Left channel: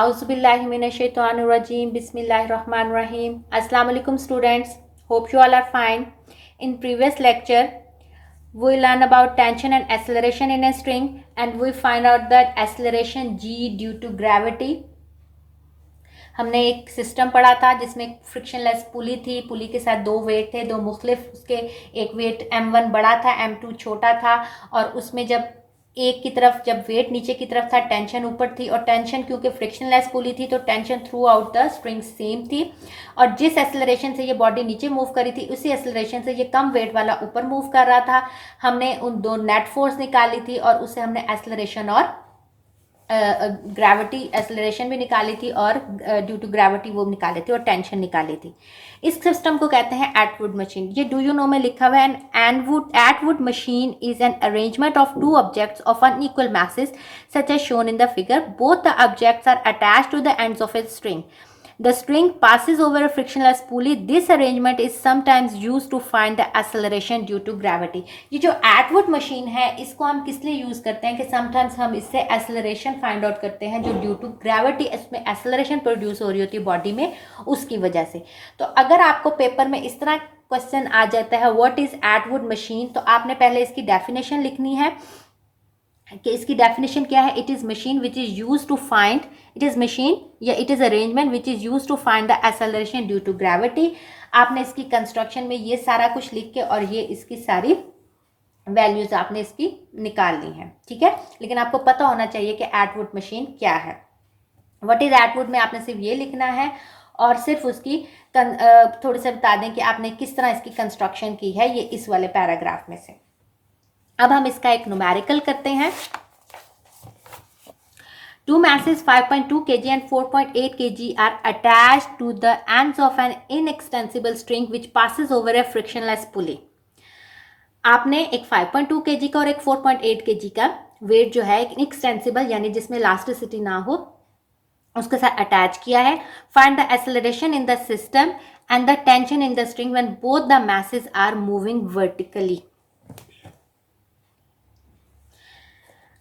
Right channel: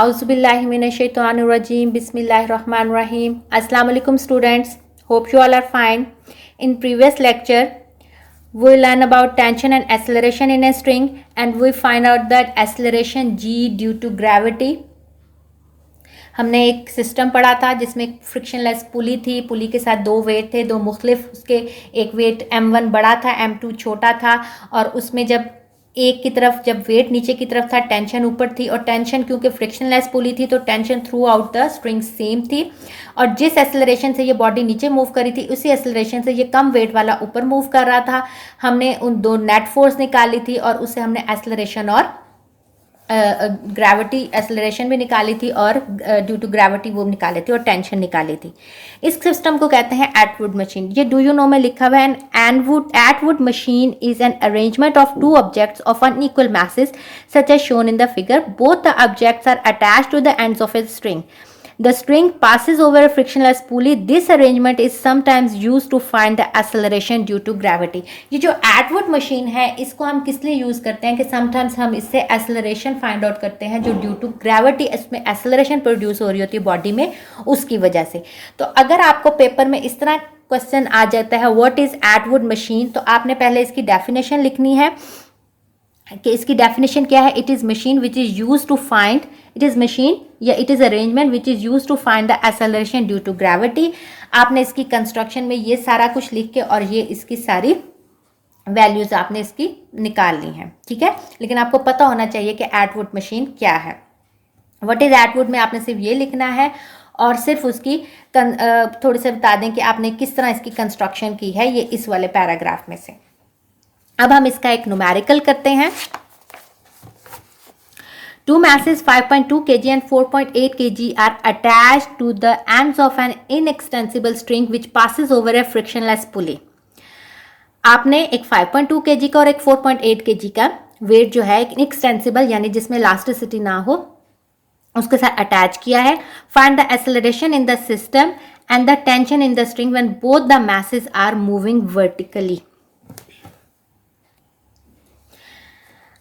Auzubillahiminash-shaytanir-rajim. Bismillahir-rahmanir-rahim. Assalamu alaikum students. Hope you all are fine. In previous lecture, we learn about tension and acceleration in a string, and we find out that acceleration g due to gravity. हमने एक system पढ़ा था जिसमें frictionless पुली थी, पुली के साथ दो wait थे, दो मुख्तलिफ उसके, एक वेट m1 बड़ा था, m2 छोटा था, और उसमें जब एक की तरफ जब वेट नीचे की तरफ था टेंशन ऊपर थी, और टेंशन क्योंकि फ्रिक्शनलेस पुली थी तो tension through out the string same थी, और जिस एक्सेलरेशन से ये बॉडी नीचे मूव करी थी उसी एक्सेलरेशन से ये कम वेट वाला ऊपर मूव कर रहा था। हमने उन दो नेट फोर्स निकाली थी और उससे हमने एक्सेलरेशन और ग्रेविटी एक्सेलरेशन भी निकाली थी और ड्यू टू ग्रेविटी वो निकाली थी और टेंशन निकाली थी। इस सिस्टम को कहते हैं एटवुड मशीन। ये डू यू नो में लिखा हुआ है, Atwood machine is an arrangement of two objects of unequal masses such as shown in the figure. Both the objects are attached to the ends of a string. The string passes over a frictionless pulley. This arrangement is sometimes used to find the acceleration due to gravity. ये जो Atwood machine है इसको हम किस लिए use करते हैं कि समटाइम्स हम इससे एक्सेलरेशन फाइंड आउट करते हैं जो ड्यू टू ग्रेविटी इसमें एक्सेलरेशन प्रोड्यूस हो रही होती है बॉडी में, उसकी वजह से। तो अगर आपको पेपर में इस तरह क्वेश्चन आ जाता है व्हाट इज़ एटवुड मशीन, तो आपने पहले इसकी डेफिनेशन लिखनी है कि इसकी डेफिनेशन क्या है। It is machine which is use to find, it is machine या it is arrangement which is use to find the acceleration due to gravity. आपने इसकी कंस्ट्रक्शन में ये सारा कुछ लिख के और ये इसकी सारी वैल्यूज आपने इसकी निकाल ली हैं, ठीक है। लेकिन आपको पता होना चाहिए कि एटवुड मशीन क्या है। व्हाट इज़ एटवुड में आपने सिर्फ ये लिखना है और सिर्फ उसकी थोड़ी से बता दें कि आपने किस तरह इसकी कंस्ट्रक्शन की है, ये इस वाले पैराग्राफ में से। अब हम इसका एक न्यूमेरिकल करते हैं। Two masses 5.2 kg and 4.8 kg are attached to the ends of an inextensible string which passes over a frictionless pulley. आपने एक 5.2 kg का और एक 4.8 kg का वेट जो है एक इनएक्सटेंसिबल यानी जिसमें इलास्टिसिटी ना हो उसके साथ अटैच किया है। Find the acceleration in the system and the tension in the string when both the masses are moving vertically.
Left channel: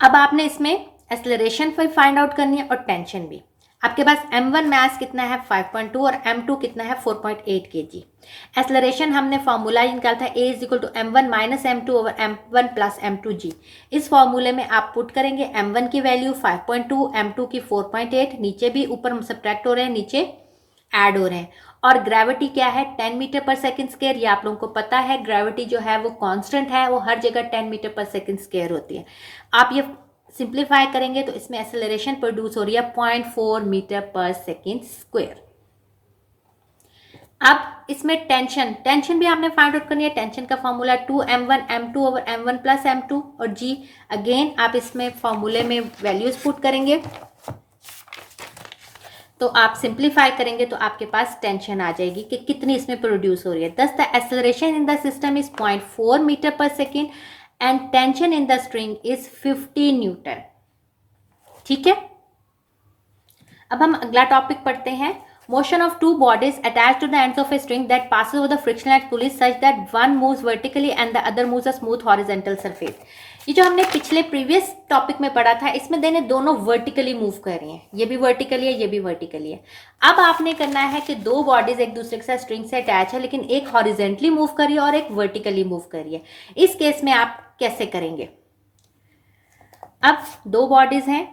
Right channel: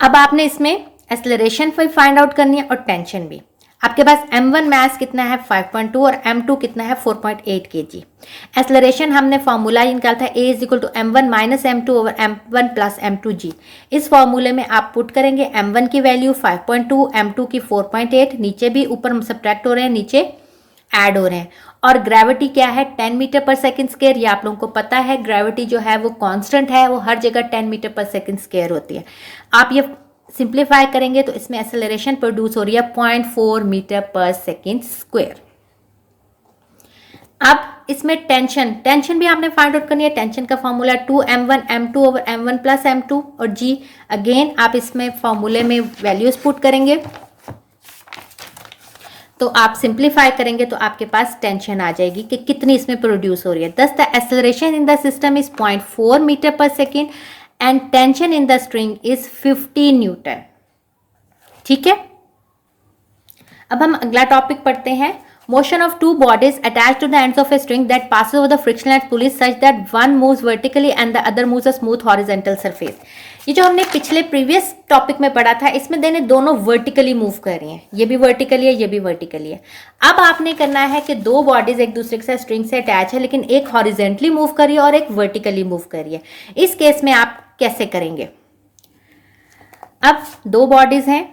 अब आपने इसमें एक्सेलरेशन भी फाइंड आउट करनी है और टेंशन भी। आपके पास m1 मास कितना है 5.2 और m2 कितना है 4.8 kg। एक्सेलरेशन हमने फॉर्मूला निकाला था a is equal to m1 minus m2 over m1 plus m2g। इस फॉर्मूले में आप पुट करेंगे m1 की वैल्यू 5.2, m2 की 4.8, नीचे भी ऊपर सब्ट्रैक्ट हो रहे हैं नीचे ऐड हो रहे हैं। और ग्रेविटी क्या है 10 मीटर पर सेकंड स्क्वायर, ये आप लोगों को पता है। ग्रेविटी जो है वो कांस्टेंट है, वो हर जगह 10 मीटर पर सेकंड स्क्वायर होती है। आप ये सिंप्लीफाई करेंगे तो इसमें एक्सेलरेशन प्रोड्यूस हो रही है 0.4 मीटर पर सेकंड स्क्वायर। अब इसमें टेंशन भी आपने फाइंड आउट करनी है। टेंशन का formula 2m1 m2 over m1 plus m2 और g अगेन आप इसमें फॉर्मूले में वैल्यूज पुट करेंगे तो आप सिंप्लीफाई करेंगे तो आपके पास टेंशन आ जाएगी कि कितनी इसमें प्रोड्यूस हो रही है। Thus the acceleration in the system is 0.4 metre per second and tension in the string is 50 newton. ठीक है, अब हम अगला टॉपिक पढ़ते हैं। Motion of two bodies attach to the ends of a string that passes over the frictionless pulley such that one moves vertically and the other moves a smooth horizontal surface। ये जो हमने पिछले previous topic में पढ़ा था इसमें देने दोनों वर्टिकली मूव कर रही हैं, ये भी वर्टिकली है ये भी वर्टिकली है। अब आपने करना है कि दो बॉडीज एक दूसरे के साथ स्ट्रिंग से अटैच है लेकिन एक हॉरिजेंटली मूव कर रही है और एक वर्टिकली मूव कर रही है। इस केस में आप कैसे करेंगे? अब दो बॉडीज हैं,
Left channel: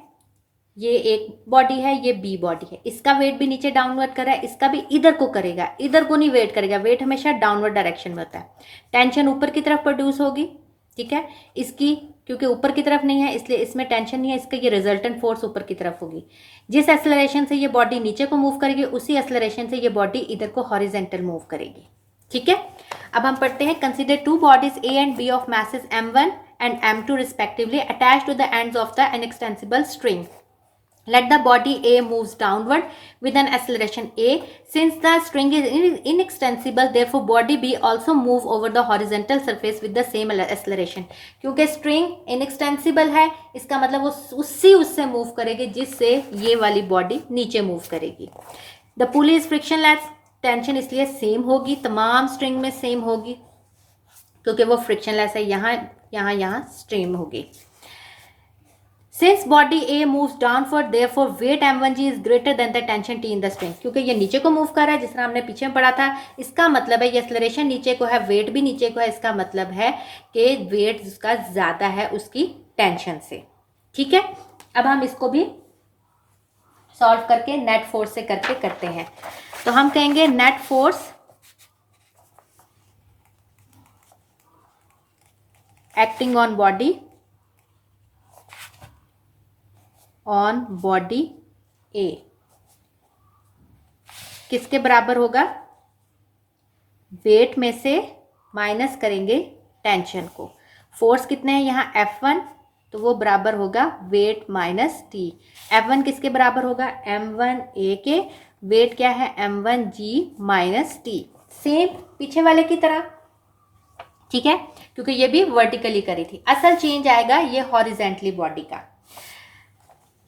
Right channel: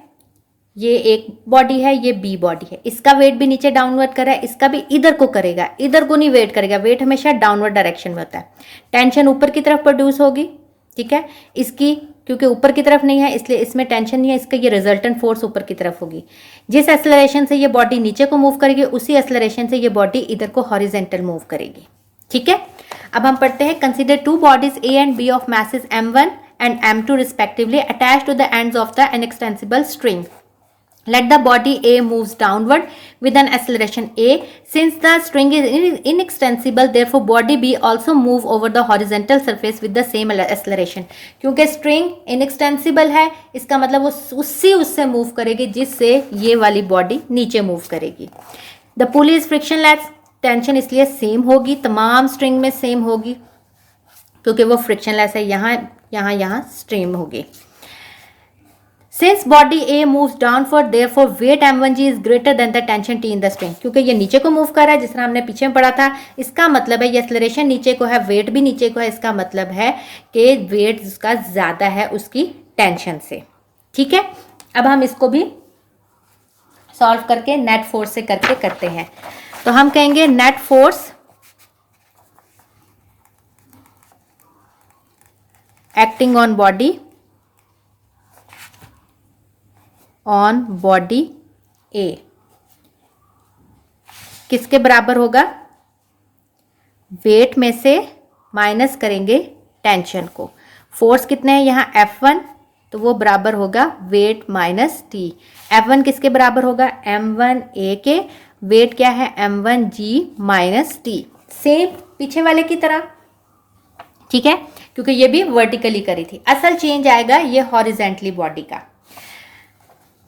ये एक बॉडी है ये बी बॉडी है, इसका वेट भी नीचे डाउनवर्ड कर रहा है, इसका भी इधर को करेगा, इधर को नहीं वेट करेगा, वेट हमेशा डाउनवर्ड डायरेक्शन में होता है। टेंशन ऊपर की तरफ प्रोड्यूस होगी, ठीक है, इसकी क्योंकि ऊपर की तरफ नहीं है इसलिए इसमें टेंशन नहीं है, इसका ये रिजल्टेंट फोर्स ऊपर की तरफ होगी। जिस एक्सेलरेशन से ये बॉडी नीचे को मूव करेगी उसी एक्सेलरेशन से ये बॉडी इधर को हॉरिजेंटल मूव करेगी। ठीक है, अब हम पढ़ते हैं। Consider two bodies A and B of masses m1 and m2 respectively attached to the ends of the inextensible string. Let the body A moves downward with an acceleration A. Since the string is inextensible, therefore body B also move over the horizontal surface with the same acceleration. क्योंकि string inextensible है इसका मतलब वो उससे move करेगी जिससे ये वाली बॉडी नीचे मूव करेगी। The pulley is frictionless, tension इसलिए सेम होगी, तमाम स्ट्रिंग में सेम होगी क्योंकि वो फ्रिक्शनलेस है। यहाँ स्ट्रीम होगी। Since body A moves downward therefore weight m1g is greater than the tension t in the string, क्योंकि ये नीचे को मूव कर रहा है जिस तरह हमने पीछे में पढ़ा था, इसका मतलब है ये एक्सेलरेशन नीचे को है, वेट भी नीचे को है, इसका मतलब है कि वेट उसका ज्यादा है उसकी टेंशन से। ठीक है, अब हम इसको भी सॉल्व करके नेट फोर्स से करके करते हैं। तो हम कहेंगे net force acting on body A किसके बराबर होगा, वेट में से माइनस करेंगे टेंशन को। फोर्स कितने हैं यहाँ F1, तो वो बराबर होगा वेट माइनस टी। F1 किसके बराबर होगा, m1a के, वेट क्या है m1g माइनस टी, सेम पीछे वाले की तरह। ठीक है, क्योंकि ये भी वर्टिकली करी थी। असल चेंज आएगा ये हॉरिजेंटली बॉडी का।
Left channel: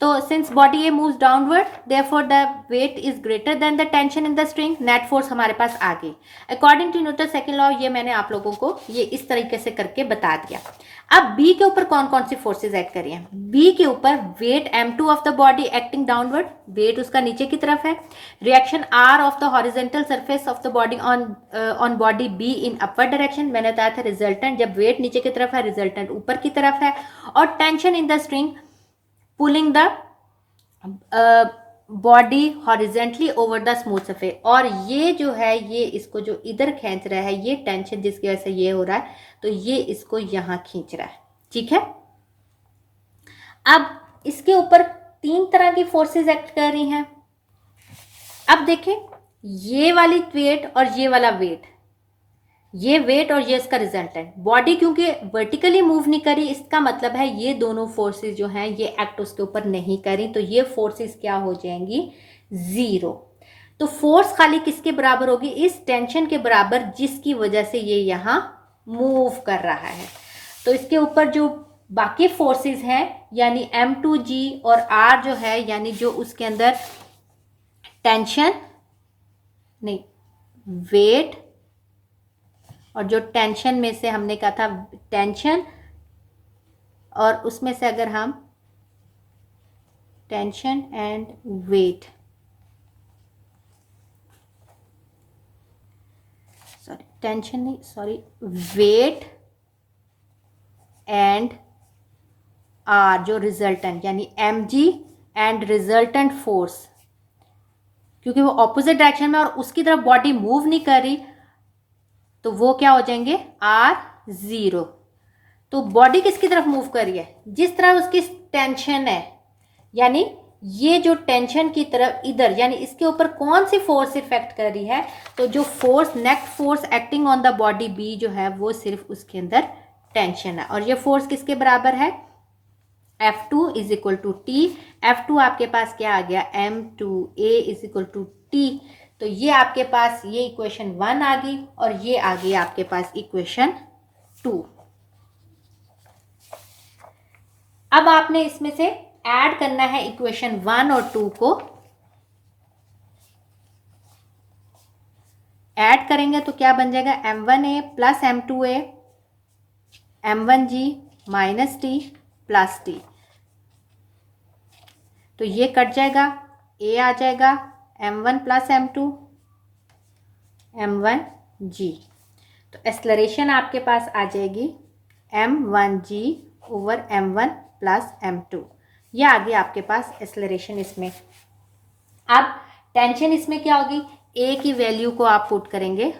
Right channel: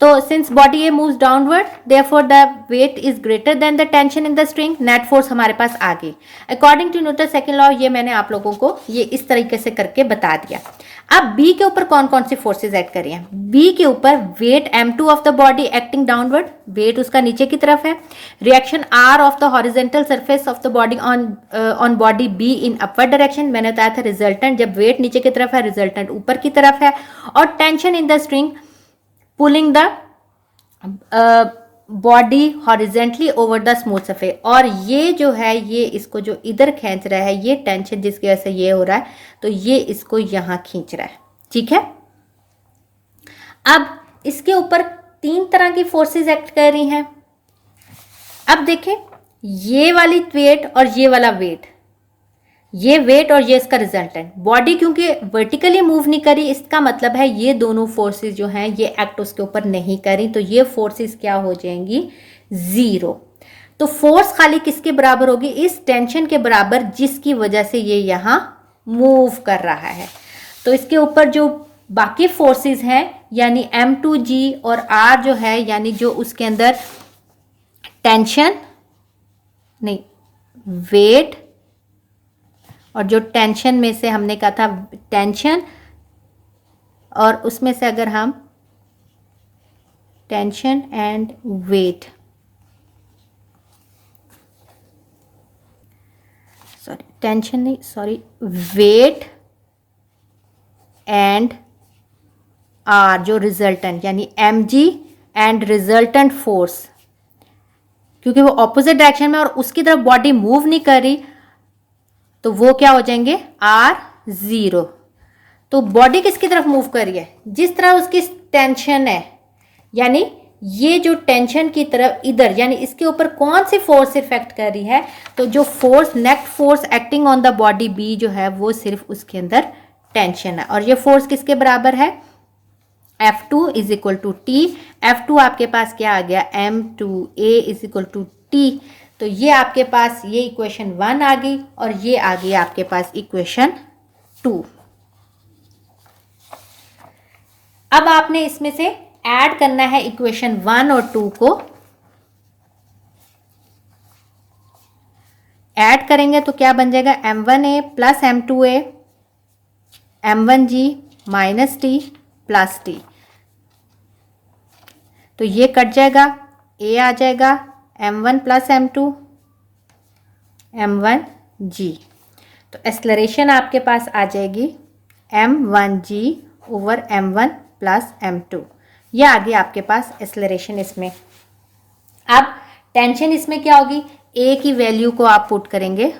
तो since body A moves downward therefore the weight is greater than the tension in the string, net force हमारे पास आ गई according to Newton second law. ये मैंने आप लोगों को ये इस तरीके से करके बता दिया। अब बी के ऊपर कौन कौन सी फोर्सेज एक्ट करी हैं, बी के ऊपर weight m2 of the body acting downward, weight उसका नीचे की तरफ है। Reaction r of the horizontal surface of the body on body B in upward direction, मैंने बताया था रिजल्टेंट जब वेट नीचे की तरफ है रिजल्टेंट ऊपर की तरफ है। और tension in the string pulling the body horizontally over the smooth surface, और ये जो है ये इसको जो इधर खींच रहा है, ये टेंशन जिसकी वजह से ये हो रहा है, तो ये इसको यहां खींच रहा है। ठीक है, अब इसके ऊपर तीन तरह की फोर्सेस एक्ट कर रही हैं। अब देखें ये वाली वेट और ये वाला वेट, ये वेट और ये इसका रिजल्टेंट, बॉडी क्योंकि वर्टिकली मूव नहीं करी, इसका मतलब है ये दोनों फोर्सेस जो हैं ये एक्ट उसके ऊपर नहीं करी, तो ये फोर्सेस क्या हो जाएंगी, जीरो। तो फोर्स खाली किसके बराबर होगी, इस टेंशन के बराबर जिसकी वजह से ये यहाँ मूव कर रहा है। तो इसके ऊपर जो बाकी फोर्सेस हैं यानी m2g और r जो है, यानी जो उसके अंदर टेंशन नहीं वेट, और जो टेंशन में से हमने कहा था टेंशन, और उसमें से अगर हम tension and weight, sorry tension नहीं, सॉरी वेट एंड आर जो रिजल्टेंट यानी mg एंड रिजल्टेंट फोर्स, क्योंकि वो ऑपोजिट डायरेक्शन में और उसकी तरफ बॉडी मूव नहीं कर रही, तो वो क्या हो जाएंगे r0। तो बॉडी किसकी तरफ मूव कर रही है, जिस तरह उसकी टेंशन है, यानी ये जो टेंशन की तरफ इधर, यानी इसके ऊपर कौन सी फोर्स इफेक्ट कर रही है, तो जो force net force acting on the body B जो है वो सिर्फ उसके अंदर टेंशन है। और ये फोर्स किसके बराबर है, F2 is equal to T. F2 आपके पास क्या आ गया, m2a is equal to T. तो ये आपके पास ये इक्वेशन 1 आ गई और ये आ गई आपके पास इक्वेशन 2। अब आपने इसमें से ऐड करना है इक्वेशन 1 और 2 को। ऐड करेंगे तो क्या बन जाएगा, m1a plus m2a m1g minus T plus T. तो ये कट जाएगा, a आ जाएगा m1 प्लस m2 m1g। तो एक्सेलरेशन आपके पास आ जाएगी m1g over m1 plus m2। ये आ गया आपके पास एक्सेलरेशन इसमें। अब टेंशन इसमें क्या होगी, a की वैल्यू को आप पुट करेंगे,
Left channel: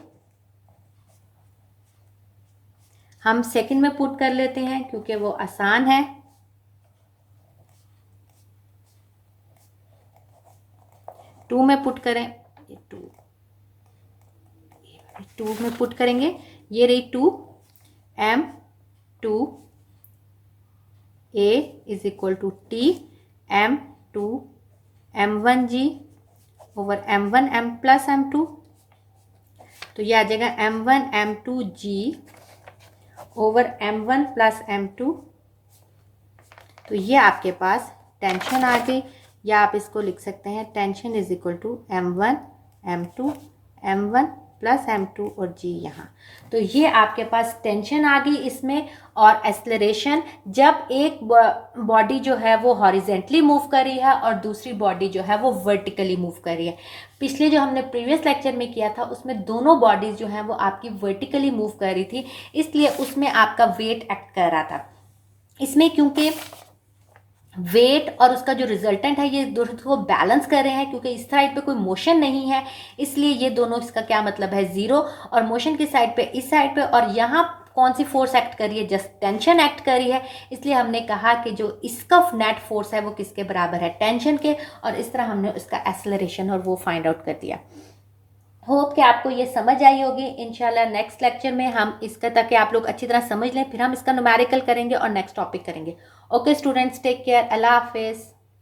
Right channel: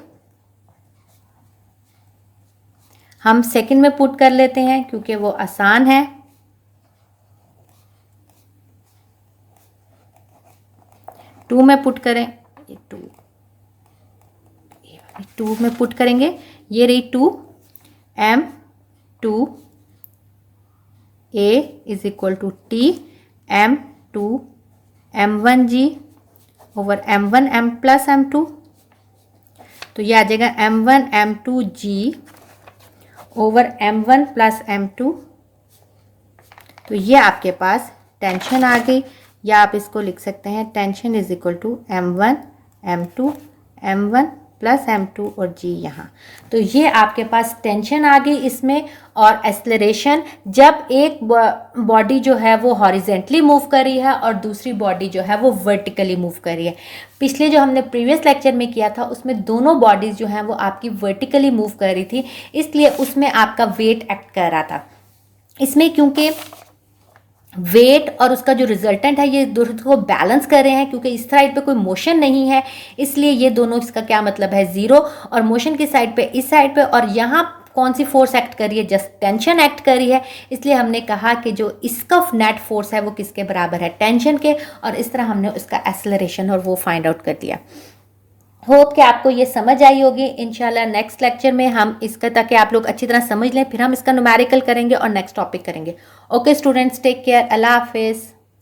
हम सेकंड में पुट कर लेते हैं क्योंकि वो आसान है। टू में पुट करें, टू में पुट करेंगे, ये रही 2 m2 a is equal to T m2 m1g over m1 m plus m2। तो ये आ जाएगा m1 m2g over m1 plus m2। तो ये आपके पास टेंशन आ गई, या आप इसको लिख सकते हैं tension is equal to m1 m2 m1 plus m2 और g यहाँ। तो ये आपके पास टेंशन आ गई इसमें, और एक्सेलरेशन जब एक बॉडी जो है वो हॉरिजेंटली मूव कर रही है और दूसरी बॉडी जो है वो वर्टिकली मूव कर रही है। पिछले जो हमने प्रीवियस लेक्चर में किया था उसमें दोनों बॉडीज जो हैं वो आपकी वर्टिकली मूव कर रही थी, इसलिए उसमें आपका वेट एक्ट कर रहा था। इसमें क्योंकि वेट और उसका जो रिजल्टेंट है ये दोनों को बैलेंस कर रहे हैं, क्योंकि इस साइड पे कोई मोशन नहीं है, इसलिए ये दोनों, इसका क्या मतलब है, जीरो, और मोशन की साइड पे इस साइड पे, और यहाँ कौन सी फोर्स एक्ट कर रही है, जस्ट टेंशन एक्ट कर रही है। इसलिए हमने कहा कि जो इसका नेट फोर्स है वो किसके बराबर है, टेंशन के, और इस तरह हमने उसका एक्सेलरेशन और वो फाइंड आउट कर दिया। होप कि आपको ये समझ आई होगी। इंशाल्लाह नेक्स्ट लेक्चर में हम इसका, ताकि आप लोग अच्छी तरह समझ लें, फिर हम इसका न्यूमेरिकल करेंगे और नेक्स्ट टॉपिक करेंगे। ओके स्टूडेंट्स, टेक केयर, अल्लाह हाफिज़।